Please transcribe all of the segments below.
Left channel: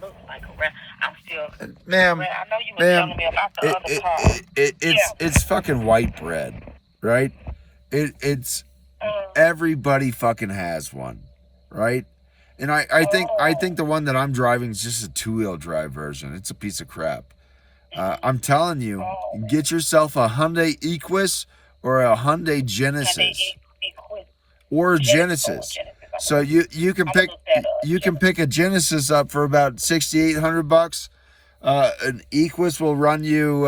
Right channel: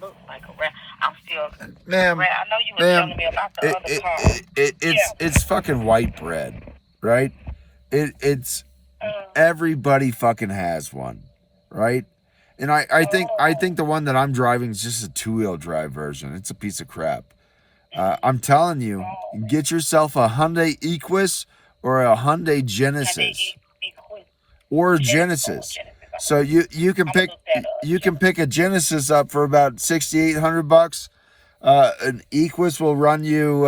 Looks like a rat. I'm still Ma'am, rat. I know you were ma'am, telling me about the other car. it's Yeah. it's fucking white bread, right? It's Mm. everybody fucking has one, right? And I Oh. think the one that I'm driving is just a 2-wheel drive version. It's a piece of crap. Mm. I'm telling you, Oh. get yourself a Hyundai Equus or a Hyundai Can they Genesis equal or a Genesis? Oh, Genesis. Genesis. So you can I'm gonna pick look that up. you can pick a Genesis up for about $6,800. An Equus will run you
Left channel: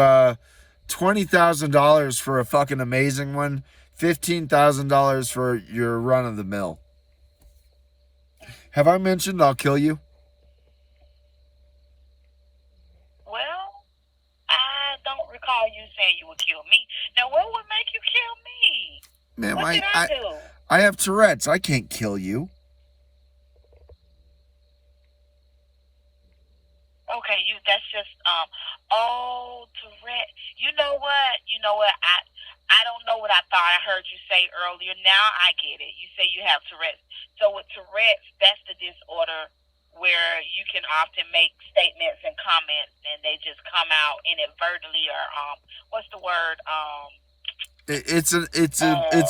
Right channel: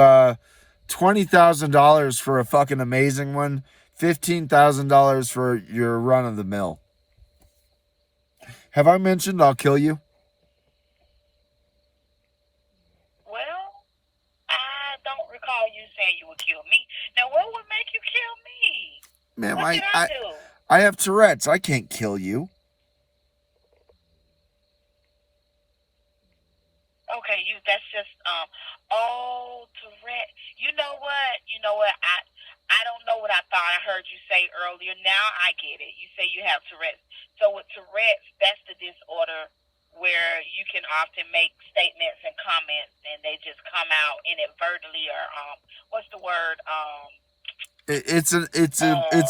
$20,000 for a fucking amazing one, $15,000 for your run of the mill. Have I mentioned I'll kill you? Well, I don't recall you saying you would kill me. Now, what would make you kill me? Ma'am, What did I do? I have Tourette's. I can't kill you. Okay, that's just oh, Tourette. You know what? You know what? I don't know what I thought I heard you say earlier. Now I get it. You say you have Tourette's. So with Tourette's, that's the disorder where you can often make statements and comments and they just come out inadvertently or what's the word? It's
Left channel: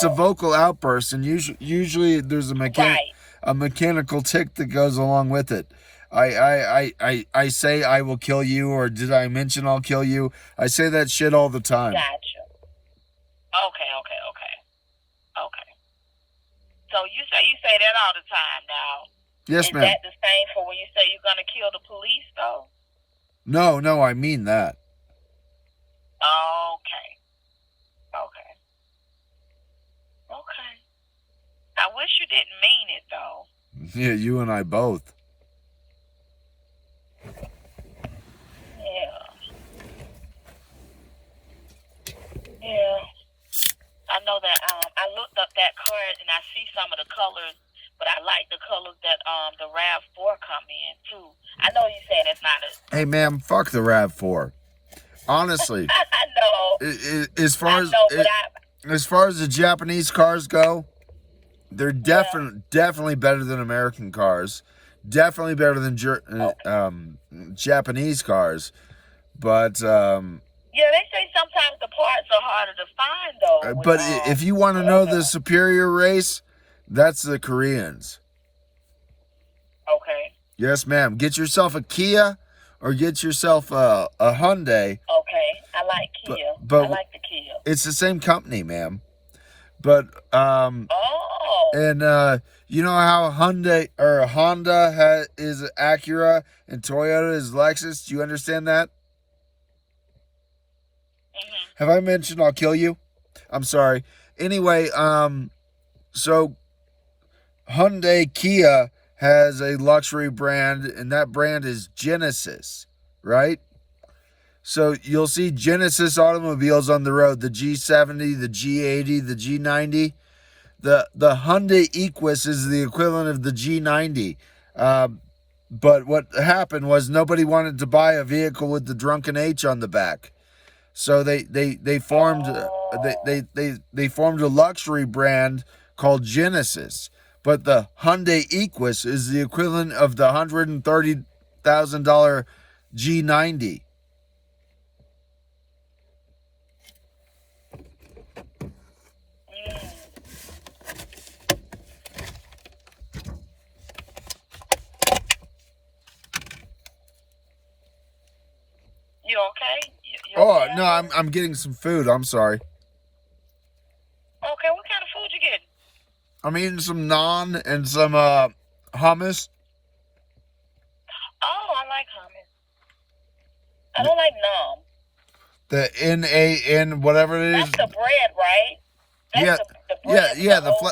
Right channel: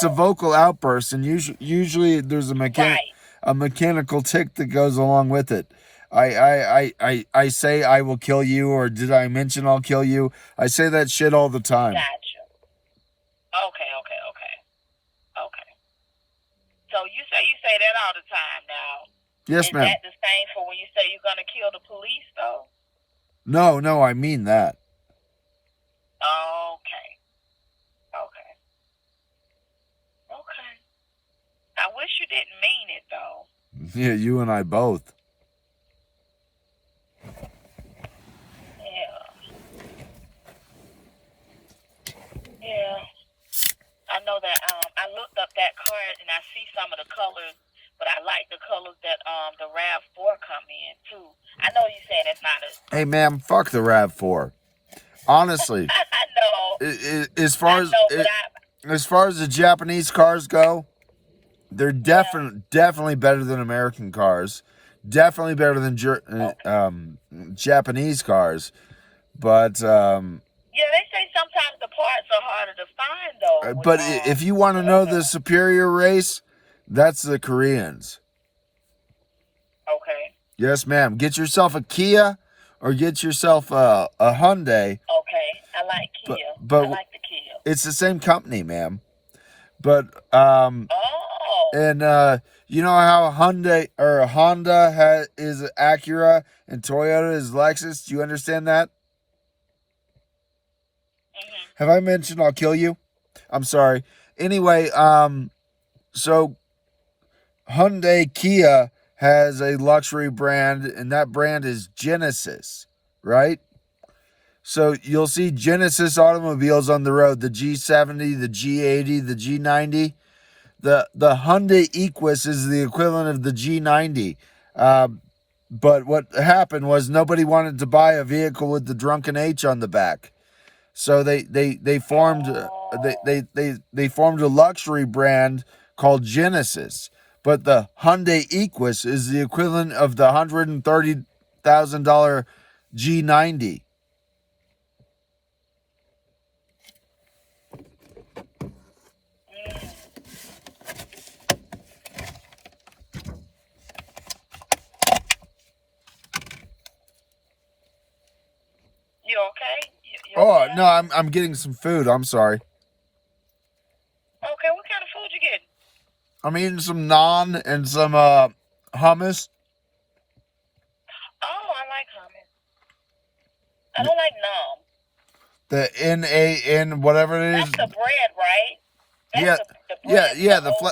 a vocal outburst, and usually there's Right. a mechanical tick that goes along with it. I say I will kill you, or did I mention I'll kill you? I say that shit all the time. Gotcha. Okay, okay, okay. Okay. So you say that all the time now. Yes, Is ma'am. that the same for when you say you're gonna kill the police though? No, I mean that. Okay. Okay. Okay. I wish you didn't mean it though. Yeah, you and I both. Yeah. Yeah. I know that I looked up that car and I see some of the colors, but I like the colors that the RAV4 come in too. I know you saying it's not a Hey, ma'am, fuck the RAV4. Honestly, I know. as I know, but as far as the Japanese cars go, they're yeah. definitely better than American cars. Definitely better than Japanese cars. But Yeah, they say sometimes the parts are harder to find though with if you want to know the superior race, that's the Koreans. Okay. Yes, ma'am. Get yourself a Kia or get yourself a Hyundai. Okay. I like Kia. But I like the Kia. it's the same company, ma'am. But Oh. and you know how a Hyundai or a Honda is Acura and Toyota is Lexus. Do you understand that? Mhm. Have I mentioned I'll kill you? I'm sorry. Anyway, so Hyundai Kia has a luxury brand, and that brand is Genesis, right? So you'll see Genesis automobiles on the road, the G70, the G80, the G90. The Hyundai Equus is the equivalent of the G90. But what happened was nobody wanted to buy a vehicle with the drunken H on the back. So they formed they formed a luxury brand called Genesis. But the Hyundai Equus is the equivalent of the $130,000 G90. You okay? You Oh okay? no, I'm getting some food. I'm sorry. Okay, what kind of food you getting? I'm eating some naan and some hummus. Oh, I like hummus. I don't like naan. The NAN whatever it is. That's the bread, right? That's Yeah, the bread.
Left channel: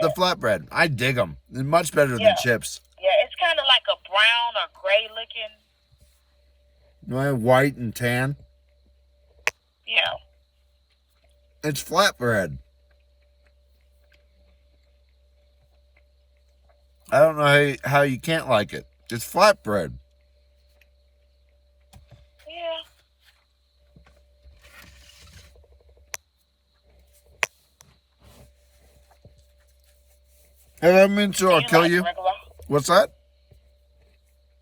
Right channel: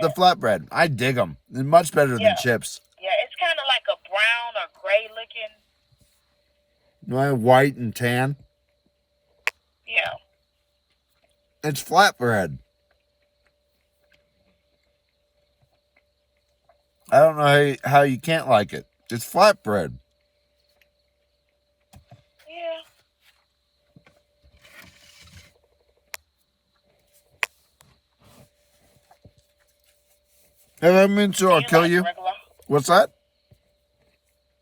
the flatbread. I dig them. They're much better than chips. Yeah, it's kind of like a brown or gray looking. White and tan. Yeah. It's flatbread. I don't know how you can't like it. It's flatbread. Yeah. Have I mentioned I'll kill you? Regular? What's that?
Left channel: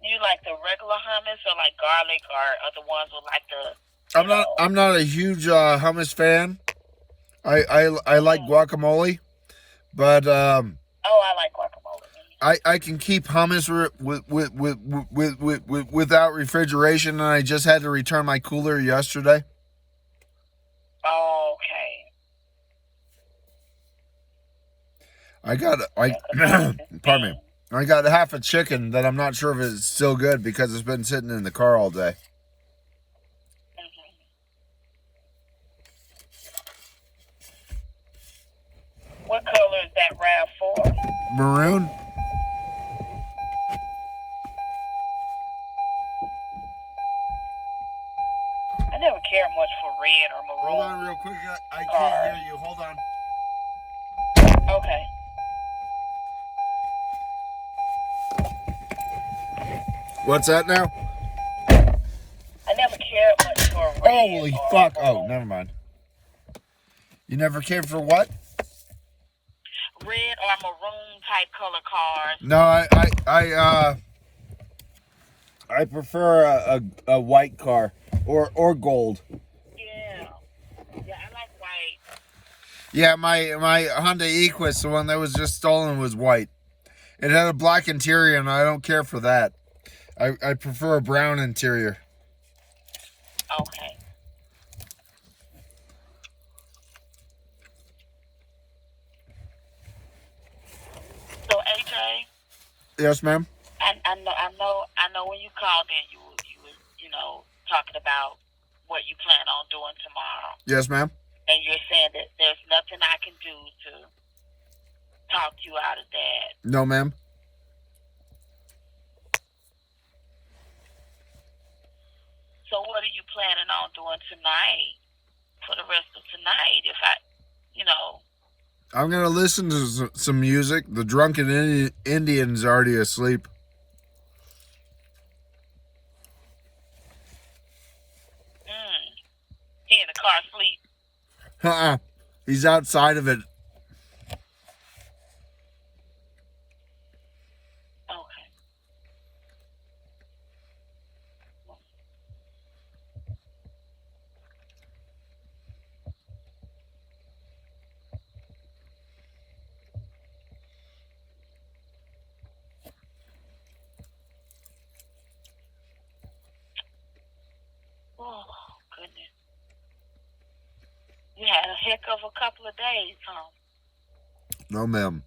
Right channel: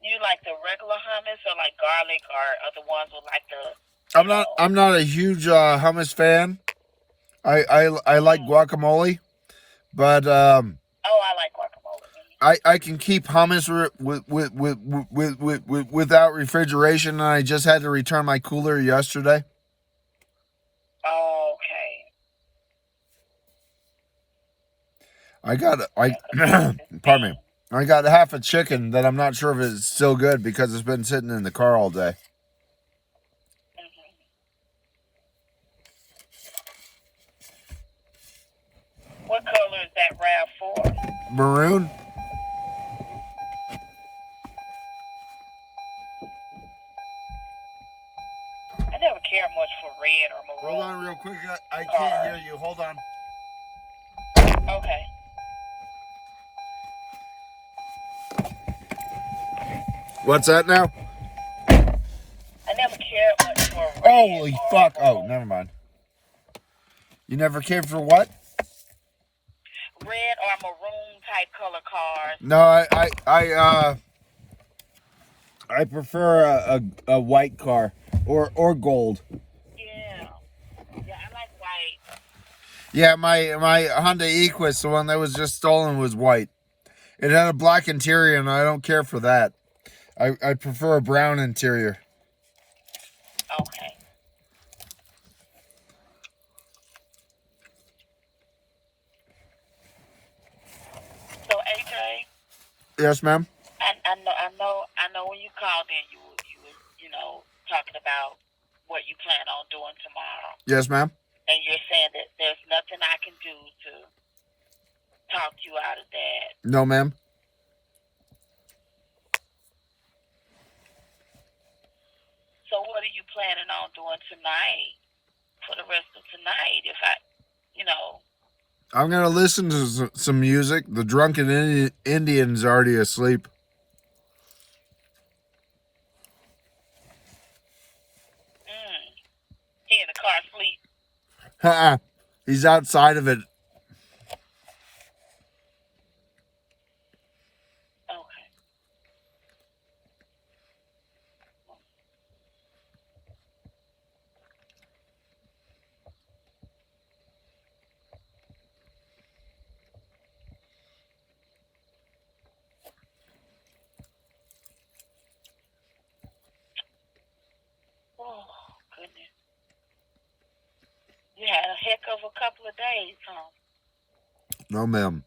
You like the regular hummus or like garlic or other ones with like the? I'm not a huge hummus fan. I like Mhm. guacamole, but Oh, I like guacamole. I can keep hummus without refrigeration, and I just had to return my cooler yesterday. Okay. I got Yeah, 'cause hummus is pardon me. mean. I got half a chicken that I'm not sure if it's still good because it's been sitting in the car all day. Mhm. What color is that RAV4? Maroon? I never cared much for red or Hold maroon on real quick. I can't cars. hear you. Hold on. Okay. What's that now? I never cared much for red Holy or fuck. Oh, maroon. never mind. You never cared for what? Red or maroon type color cars. No, I prefer a white car or gold. Yeah. Yeah, I like white. Yeah, my Honda Equus, the one that was just stolen, was white. It had a black interior, and I don't care for that. I prefer a brown interior. Okay. So AJ, Yes, ma'am. I know when you called in, you were talking about what you plan on doing tomorrow, Yes, ma'am. and you're saying that there's nothing I can do to talk you out of that. No, ma'am. So what are you planning on doing tonight for the rest of tonight? If I, I'm gonna listen to some music. The drunken Indian's already asleep. he in the car asleep. He's outside of it. Okay. Oh goodness. You had a heck of a couple of days, huh? No, ma'am.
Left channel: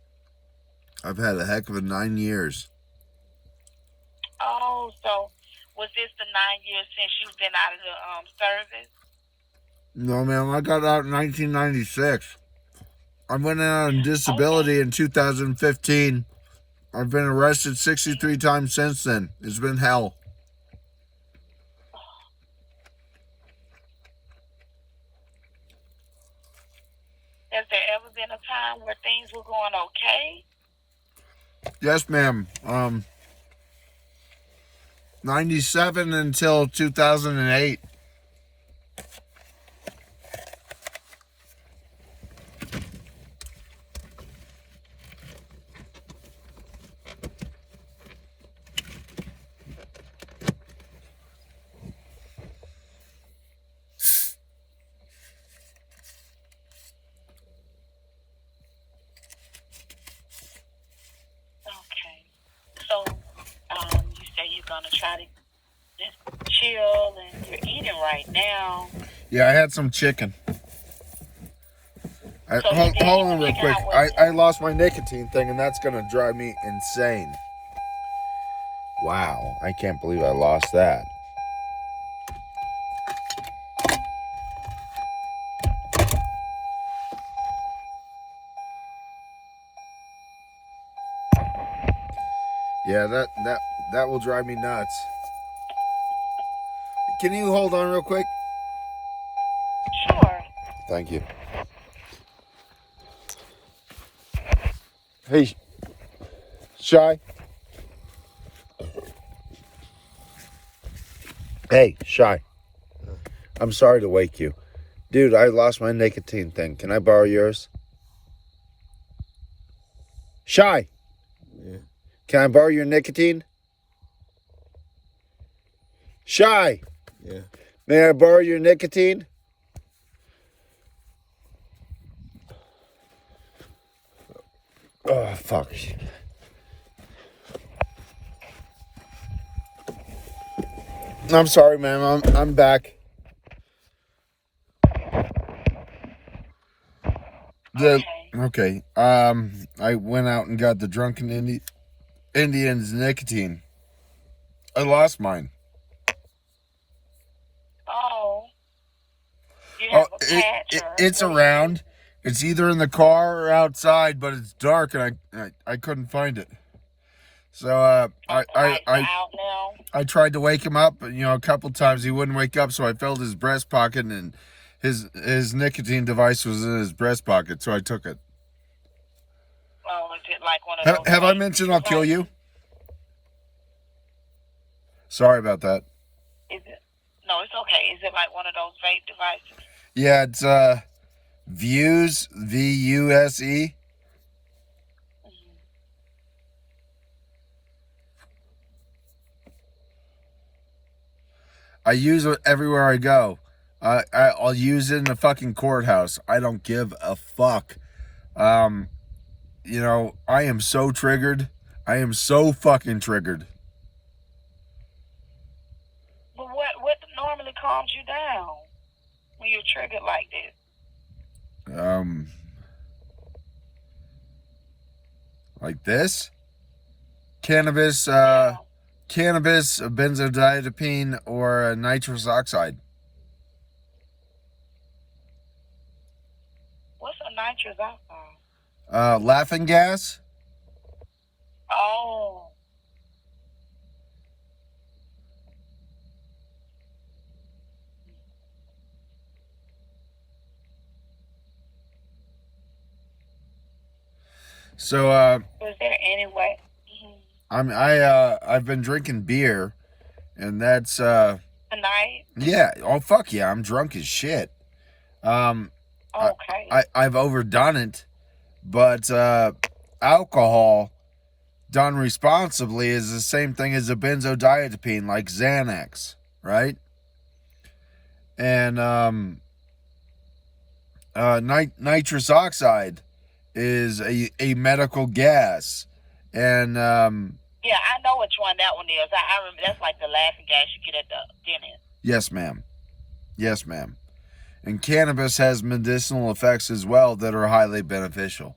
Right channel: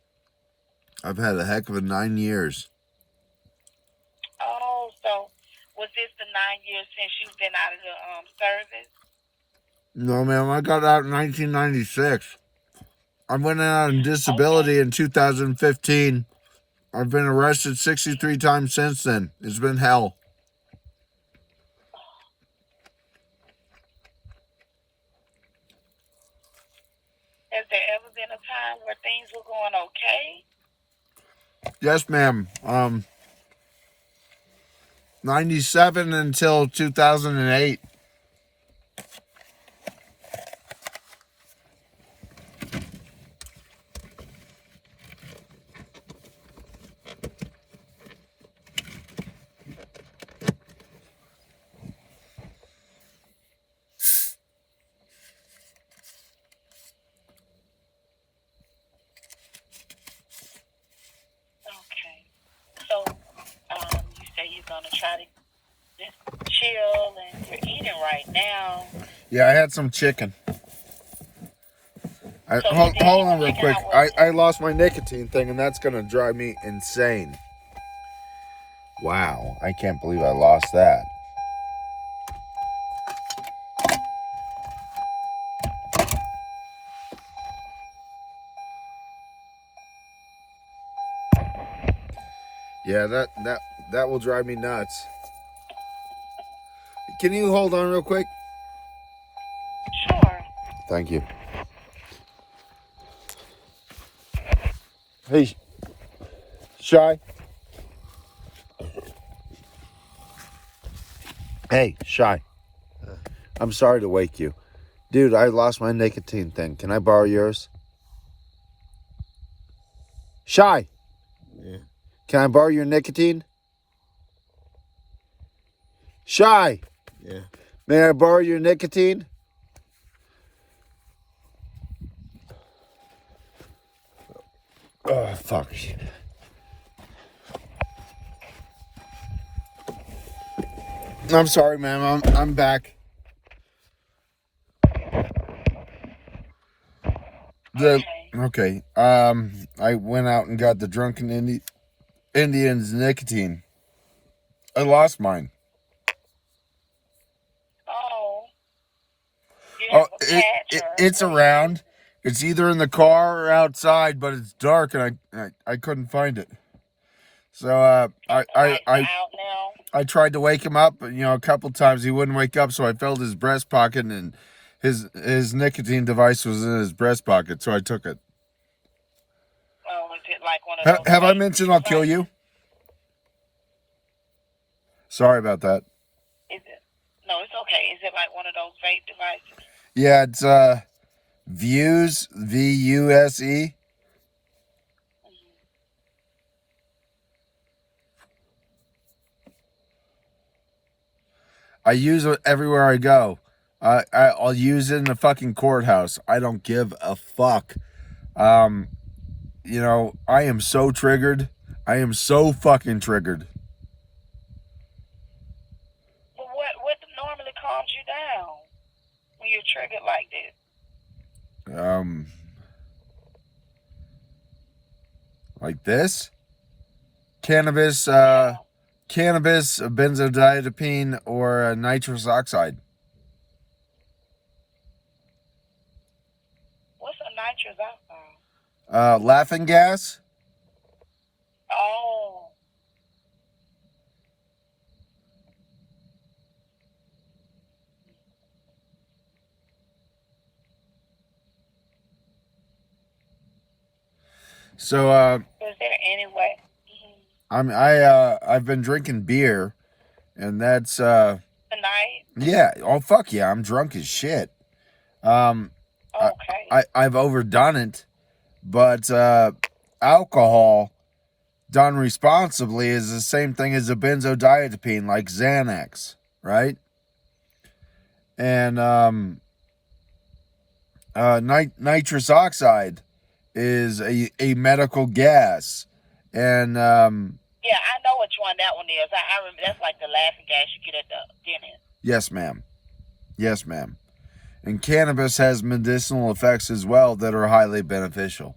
I've had a heck of a 9 years. Oh, so was this the 9 years since you've been out of the service? No, ma'am. I got out in 1996. I went out on disability in 2015. I've been arrested 63 times since then. It's been hell. Has there ever been a time where things were going okay? Yes, ma'am. 97 until 2008. Okay. So, you say you're gonna try to just chill and you're eating right now. Yeah, I had some chicken. So hold you on real figure quick. out what- I lost my nicotine thing, and that's going to drive me insane. Wow, I can't believe I lost that. Yeah, that will drive me nuts. Can you hold on real quick? Sure. Thank you. Hey, Shy. Hey, Shy. I'm sorry to wake you. Dude, I lost my nicotine thing. Can I borrow yours? Shy. Yeah. Can I borrow your nicotine? Shy, Yeah. may I borrow your nicotine? Oh, fuck. I'm sorry, ma'am. I'm back. Okay. I went out and got the Drunken Indians nicotine. I lost mine. Oh. You Oh, have a patch or it's what do you around. It's either in the car or outside, but it's dark and I couldn't find it. So Lights are out now. I tried to wake him up, a couple times. He wouldn't wake up, so I felt his breast pocket, and his nicotine device was in his breast pocket, so I took it. Oh, is it like one of those? Have I vape mentioned I'll kill you? Sorry about that. Is it? No, it's okay. Is it like one of those vape devices? Yeah, it's Vuse, VUSE. I use it everywhere I go. I'll use it in the fucking courthouse. I don't give a fuck. I am so triggered. I am so fucking triggered. But what normally calms you down when you're triggered like this? Like this? Cannabis, benzodiazepine, or nitrous oxide. What's a nitrous oxide? Laughing gas. Oh. So Is there any way? I've been drinking beer, and that's Tonight? yeah. Oh fuck yeah, I'm drunk as shit. Okay. I've overdone it, but alcohol done responsibly is the same thing as a benzodiazepine, like Xanax, right? And nitrous oxide is a medical gas, and yeah, I know which one that one is. I remember that's like the laughing gas you get at the dentist. yes, ma'am. Yes, ma'am. And cannabis has medicinal effects as well that are highly beneficial.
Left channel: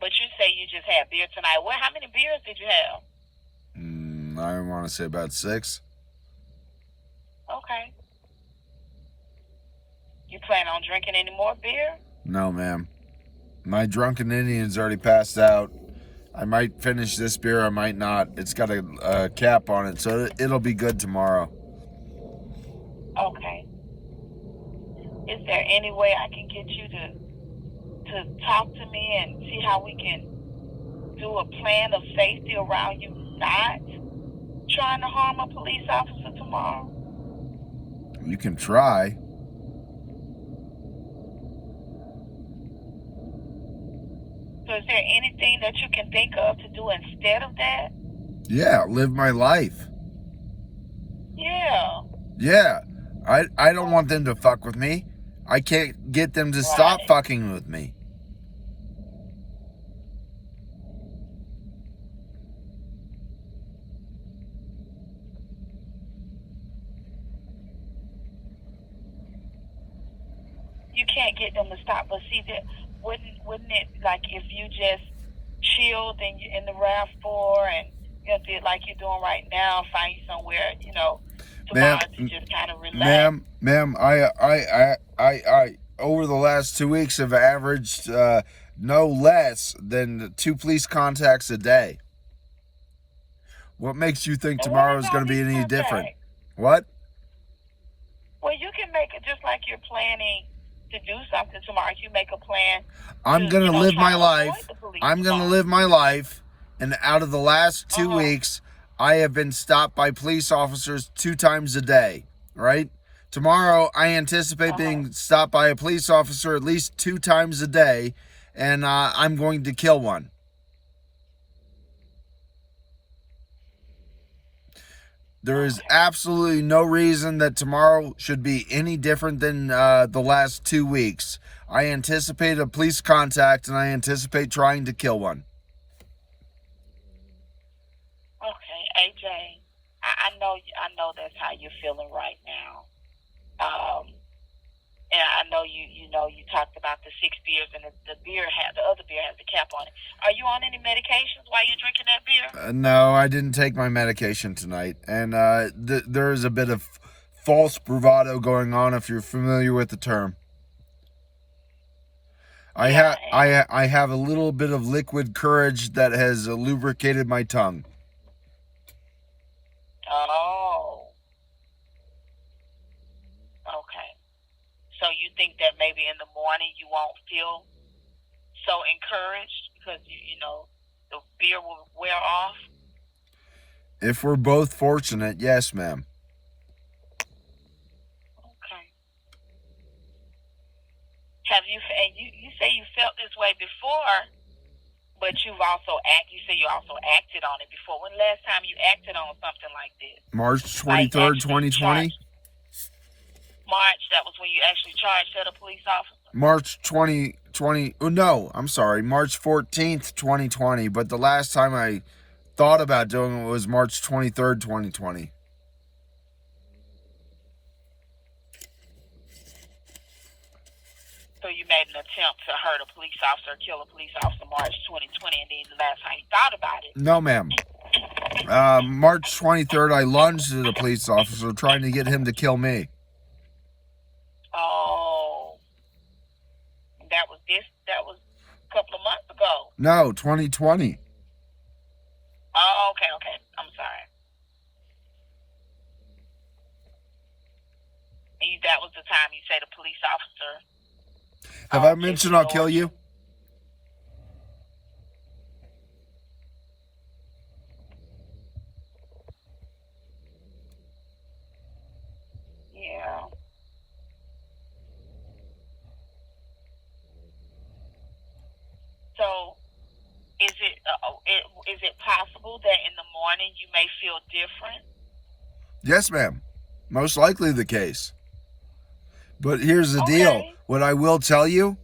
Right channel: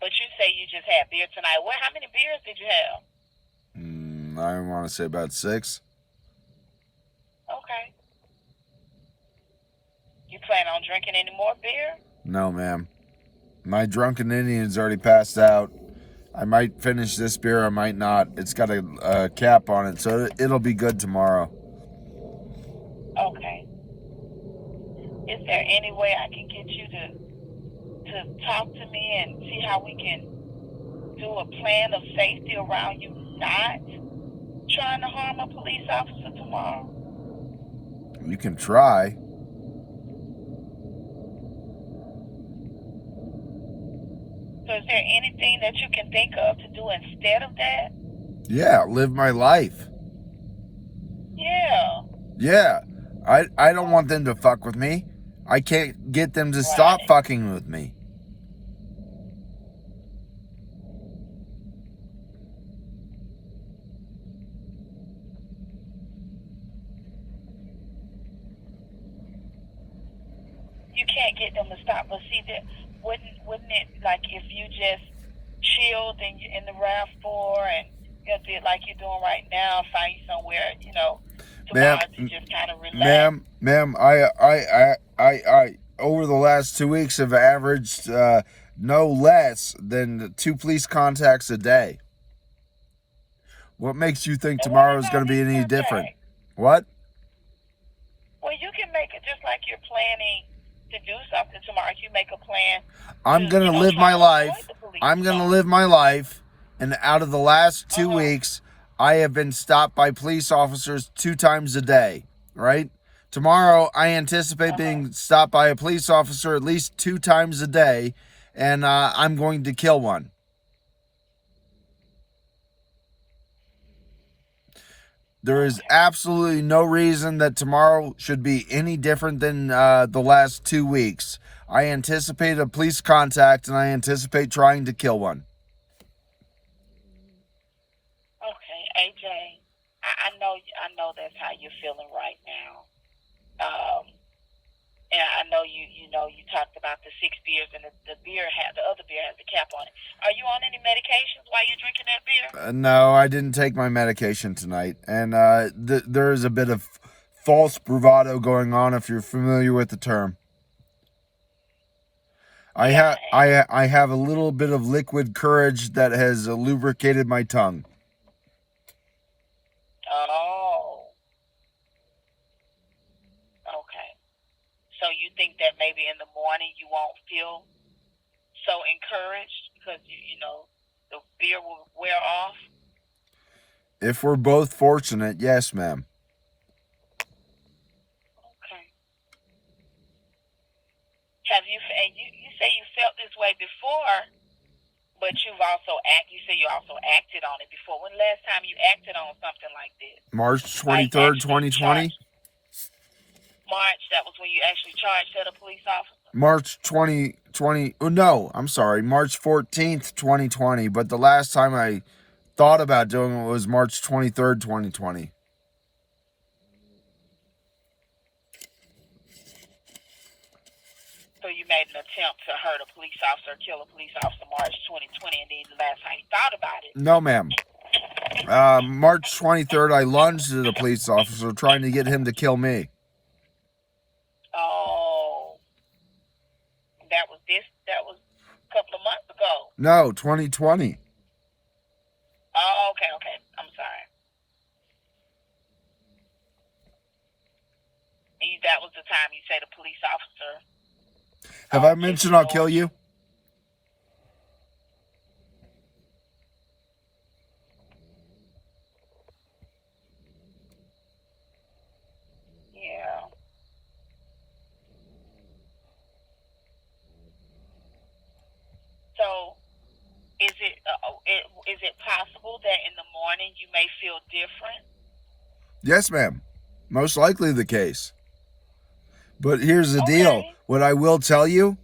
But you say you just had beer tonight. Well, how many beers did you have? I want to say about 6. Okay. You plan on drinking any more beer? No, ma'am. My Drunken Indian's already passed out. I might finish this beer, I might not. It's got a cap on it, so it'll be good tomorrow. Okay. Is there any way I can get you to talk to me and see how we can do a plan of safety around you not trying to harm a police officer tomorrow? You can try. So is there anything that you can think of to do instead of that? Yeah, live my life. Yeah. Yeah. I don't want them to fuck with me. I can't get them to stop fucking with me. You can't get them to stop, but see that wouldn't it, like, if you just chilled in the RAV store and did like you're doing right now, find you somewhere tomorrow to just kind of relax. Ma'am, I over the last 2 weeks have averaged no less than 2 police contacts a day. What makes you think tomorrow is going to be any different? What? Well, you can make it just like you're planning to do something tomorrow. You make a plan. I'm going to live my life. I'm going to live my life. And out of the last 2 weeks, I have been stopped by police officers 2 times a day, right? Tomorrow, I anticipate being stopped by a police officer at least 2 times a day, and I'm going to kill one. There is Okay. absolutely no reason that tomorrow should be any different than the last 2 weeks. I anticipate a police contact, and I anticipate trying to kill one. Okay, AJ. I know that's how you're feeling right now. And I know you talked about the 6 beers, and the other beer has the cap on it. Are you on any medications while you're drinking that beer? No, I didn't take my medication tonight, and there is a bit of false bravado going on, if you're familiar with the term. Yeah. I have a little bit of liquid courage that has lubricated my tongue. Oh. Okay. So you think that maybe in the morning you won't feel so encouraged because the beer will wear off? If we're both fortunate, yes, ma'am. Okay. Have you? And you say you felt this way before, but you say you also acted on it before. When the last time you acted on something like this? March 23rd, 2020. March, that was when you actually charged at a police officer? March 2020. Oh, no, I'm sorry. March 14th, 2020. But the last time I thought about doing it was March 23rd, 2020. So you made an attempt to hurt a police officer, kill a police officer March 2020, and then the last time you thought about it? No, ma'am. March 23rd, I lunged at a police officer trying to get him to kill me. Oh. That was a couple of months ago. No, 2020. Oh, okay. I'm sorry. And that was the time you said a police officer. Have I mentioned I'll kill you? Yeah. So, is it possible that in the morning you may feel different? Yes, ma'am. Most likely the case. But here's the deal. What I will tell you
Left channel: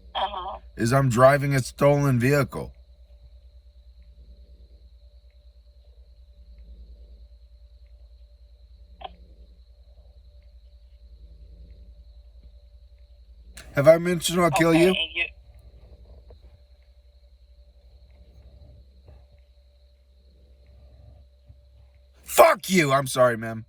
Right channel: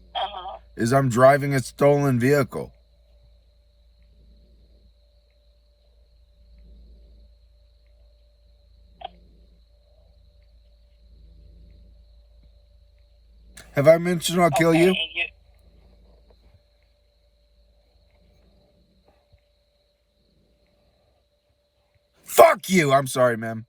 is I'm driving a stolen vehicle. Have I mentioned I'll kill you? Fuck you! I'm sorry, ma'am.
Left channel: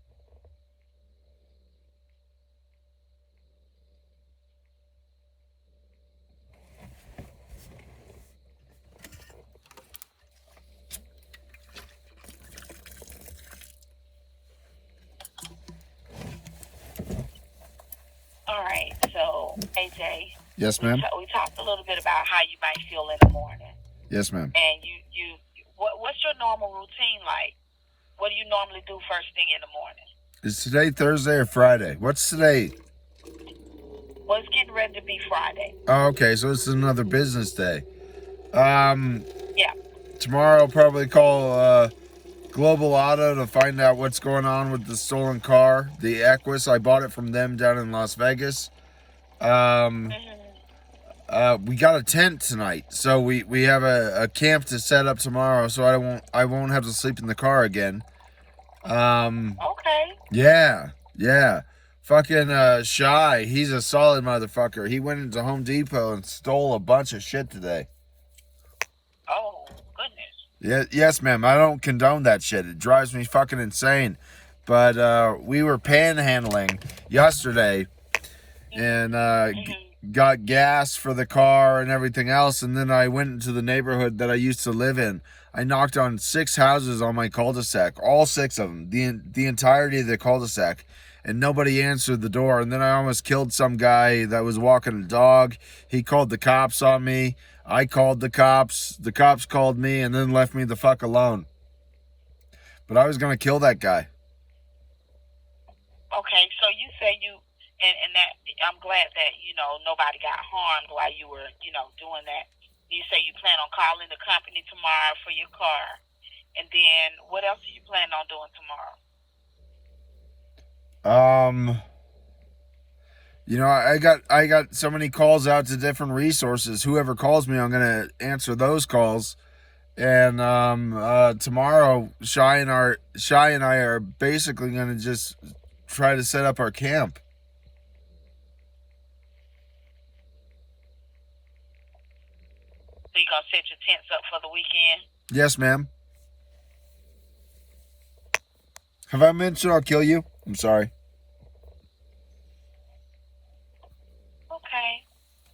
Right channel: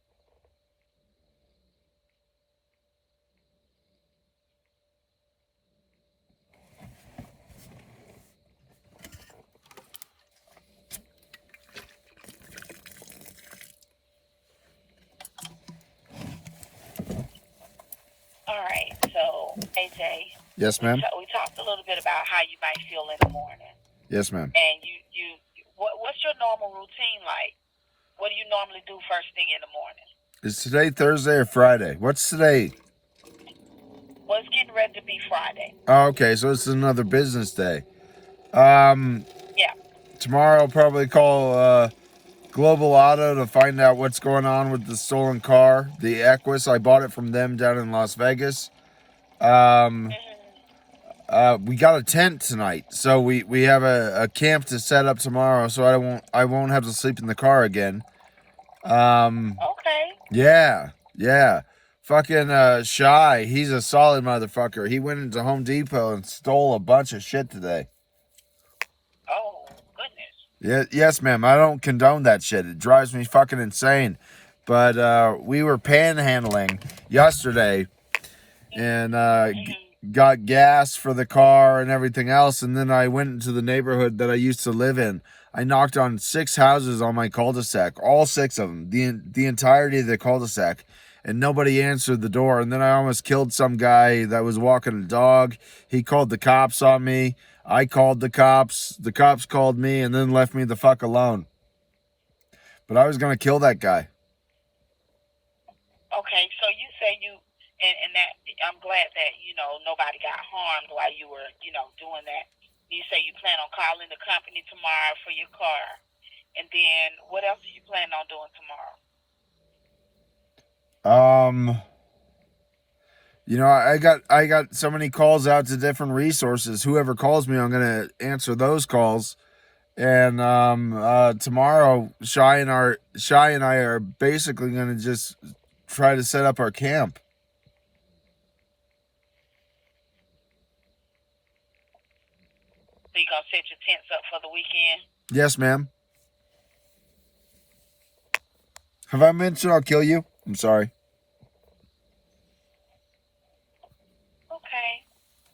All right. So, AJ. Yes, ma'am. We talked a little bit about how you might feel in the morning. Yes, ma'am. And what's your normal routine like? What do you normally do first thing in the morning? Is today Thursday or Friday? What's today? Well, it's getting ready to be Friday. Oh, okay, so it's another business day. Yeah. Tomorrow I'll probably call Global Auto to find out what's going on with the stolen car, the Equus. I bought it from them down in Las Vegas. We got a tent tonight, so we have a camp to set up tomorrow, so I won't have to sleep in the car again. Okay. Yeah. Fucking Shy, he's a solid motherfucker. He went into Home Depot and stole a bunch of shit today. Oh, goodness. Yes, ma'am. I don't condone that shit. It drives me fucking insane. But we were panhandling yesterday and got gas for the car and everything else. And then I went into the neighborhood that I used to live in. I knocked on 6 houses on my cul-de-sac, all 6 of them, the entirety of the cul-de-sac. And nobody answered the door. And then I almost killed some guy that was walking a dog. He called the cops on me. I called the cops. The cops called me and then left me the fuck alone. But I was going to kill that guy. Okay, so you say and that I'm glad that, nobody got harmed while you were, doing that. You say you plan on calling the company tomorrow for your car. And then what else are you planning on doing tomorrow? You know, I got so many calls out to different resources. Whoever calls me, I'm gonna answer those calls. And tomorrow, Shy and I are basically gonna just try to set up our camp. So you gonna set your tents up for the weekend? Yes, ma'am. Have I mentioned I'll kill you? I'm sorry. Okay.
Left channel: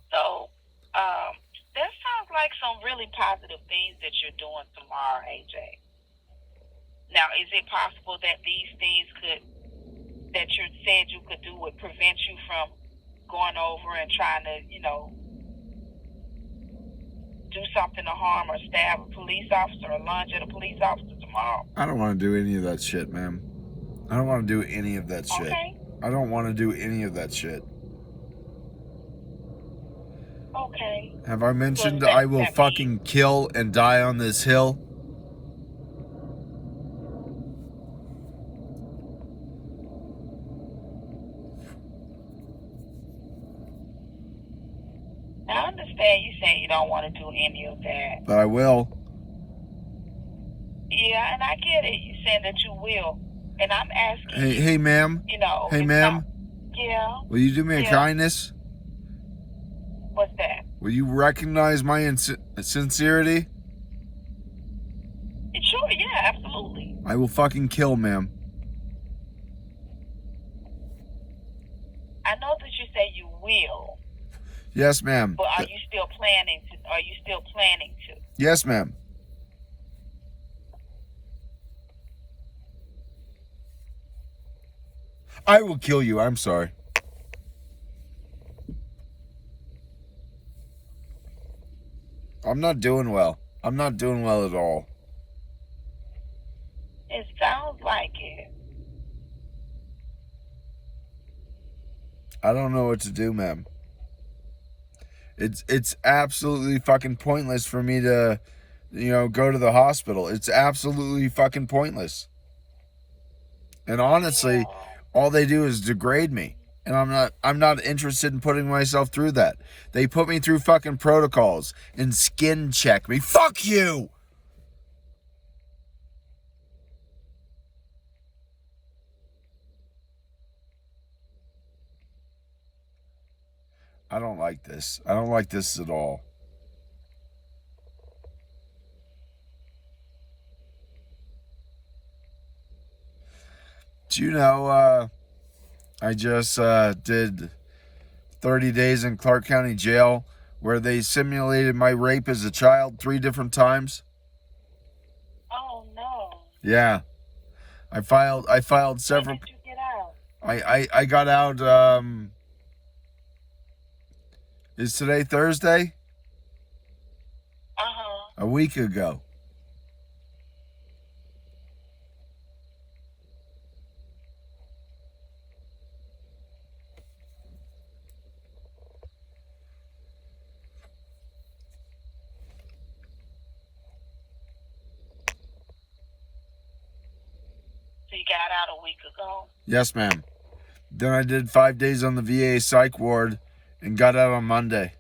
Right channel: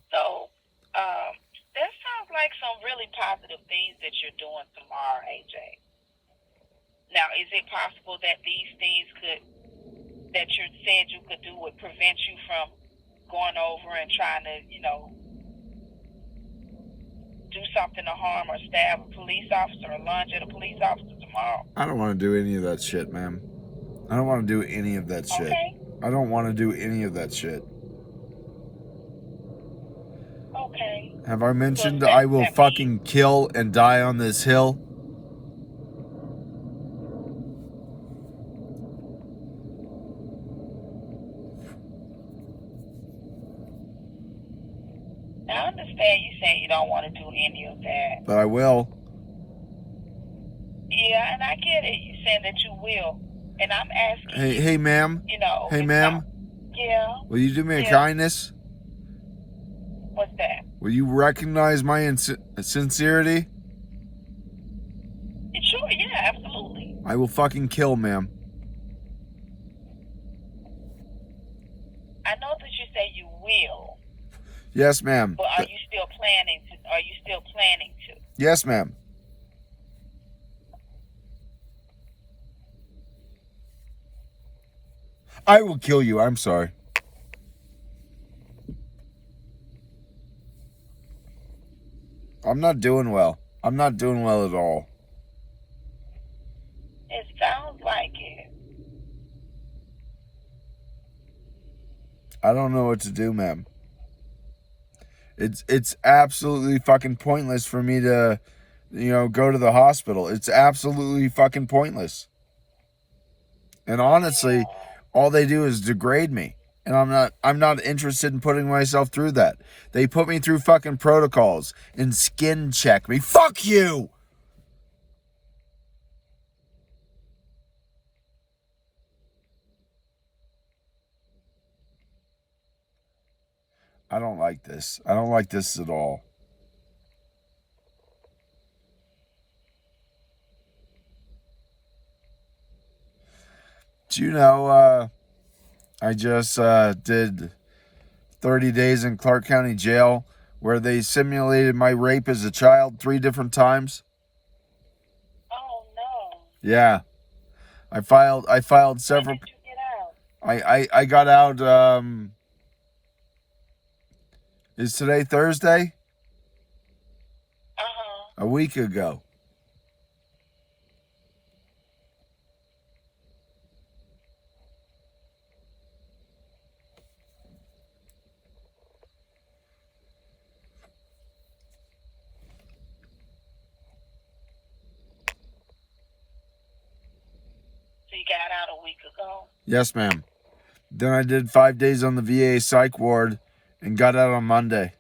So, that sounds like some really positive things that you're doing tomorrow, AJ. Now, is it possible that these things that you said you could do would prevent you from going over and trying to, do something to harm or stab a police officer or lunge at a police officer tomorrow? I don't want to do any of that shit, ma'am. I don't want to do any of that shit. Okay. I don't want to do any of that shit. Okay. Have I mentioned I will fucking kill and die on this hill? I understand you saying you don't want to do any of that. But I will. Yeah, and I get it. You saying that you will. And I'm asking Hey, ma'am. Hey, ma'am. Yeah. Will you do me a kindness? What's that? Will you recognize my sincerity? Sure, yeah, absolutely. I will fucking kill, ma'am. I know that you say you will. Yes, ma'am. But are you still planning to? Yes, ma'am. I will kill you. I'm sorry. I'm not doing well. I'm not doing well at all. It sounds like it. I don't know what to do, ma'am. It's absolutely fucking pointless for me to, go to the hospital. It's absolutely fucking pointless. And honestly, all they do is degrade me. And I'm not interested in putting myself through that. They put me through fucking protocols and skin check me. Fuck you! I don't like this. I don't like this at all. Do you know, I just did 30 days in Clark County Jail where they simulated my rape as a child 3 different times? Oh, no. Yeah. I filed several. When did you get out? I got out, is today Thursday? A week ago. So you got out a week ago? Yes, ma'am. Then I did 5 days on the VA psych ward and got out on Monday.